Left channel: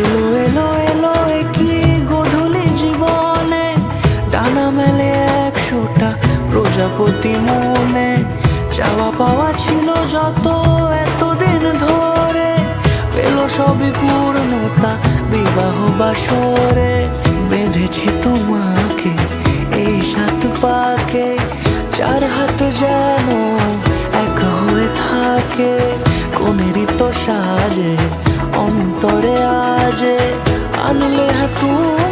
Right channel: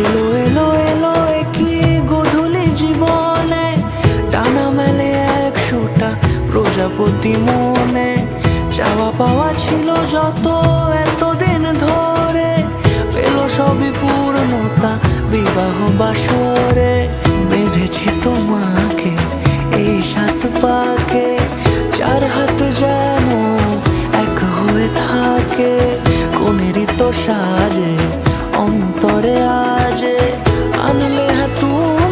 এলো এলো এলো একই গধূলি জীবনে, ডানা মেলে 100টা প্রজাপতি মনে। চাওয়া পাওয়া ছিল যত এতদিন ধরে, পেল সবই পূর্ণতা বিবাহ বাসরে। বেঁধেছি তোমাকে এই 7 পাকে, 4 হাত যেন এক হয়ে থাকে। কোনেরই তো সাজে অন্তরে আজে আনলে তুমি